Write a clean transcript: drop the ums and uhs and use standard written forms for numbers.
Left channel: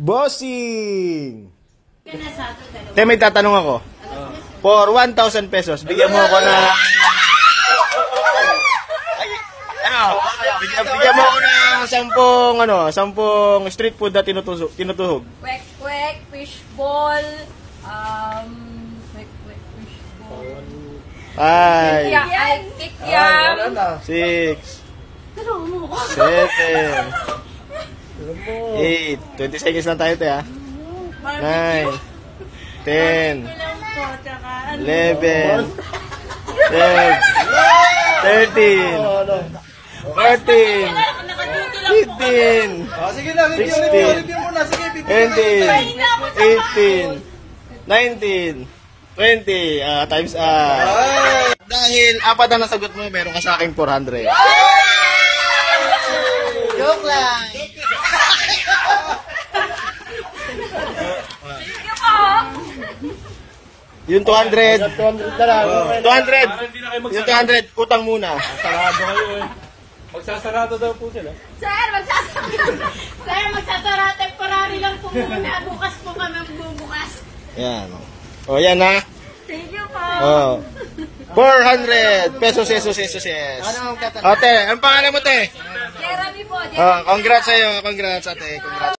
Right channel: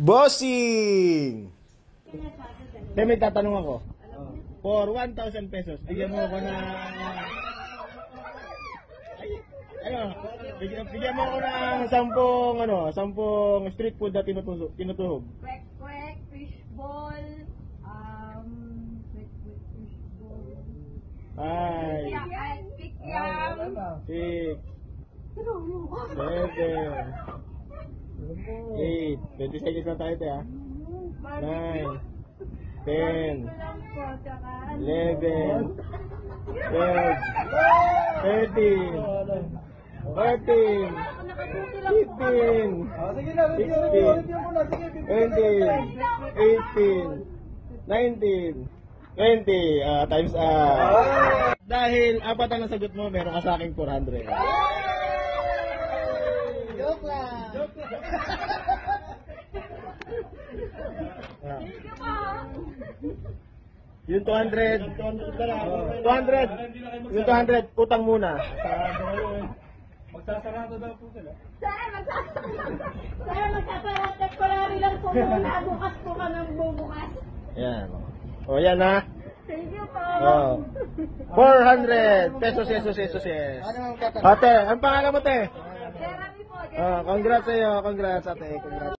Bossing! Te, may tatanong ako. For 1,000 pesos, bigyan mo ako na... Bigyan mo ako ng 10 street food na tinutuhog. Kwek-kwek, fishball, kwek-kwek, fishball. 5, Kikyam. 6, 7, 8, 20 seconds lang tayo, te, ha? 9, 10, 11, 12, 13, 14, 15, 16, 17, 18, 19, 20, times up. Dahil apat na nasagot mo, meron ka sa aking 400. Joke lang. Yung 200. 200 na lang. 200. Yung 200, utang muna. Sarado kayo eh. Magsasarado daw po sila. Sir, magsasara. Temporary lang po muna. Bukas po kami bubukas. Yan. O, yan ha. Thank you po. O. 400 pesos. Ate, ang pangalan mo, te? Jeremy po. Congrats sa'yo. Congrats, ate. Congrats.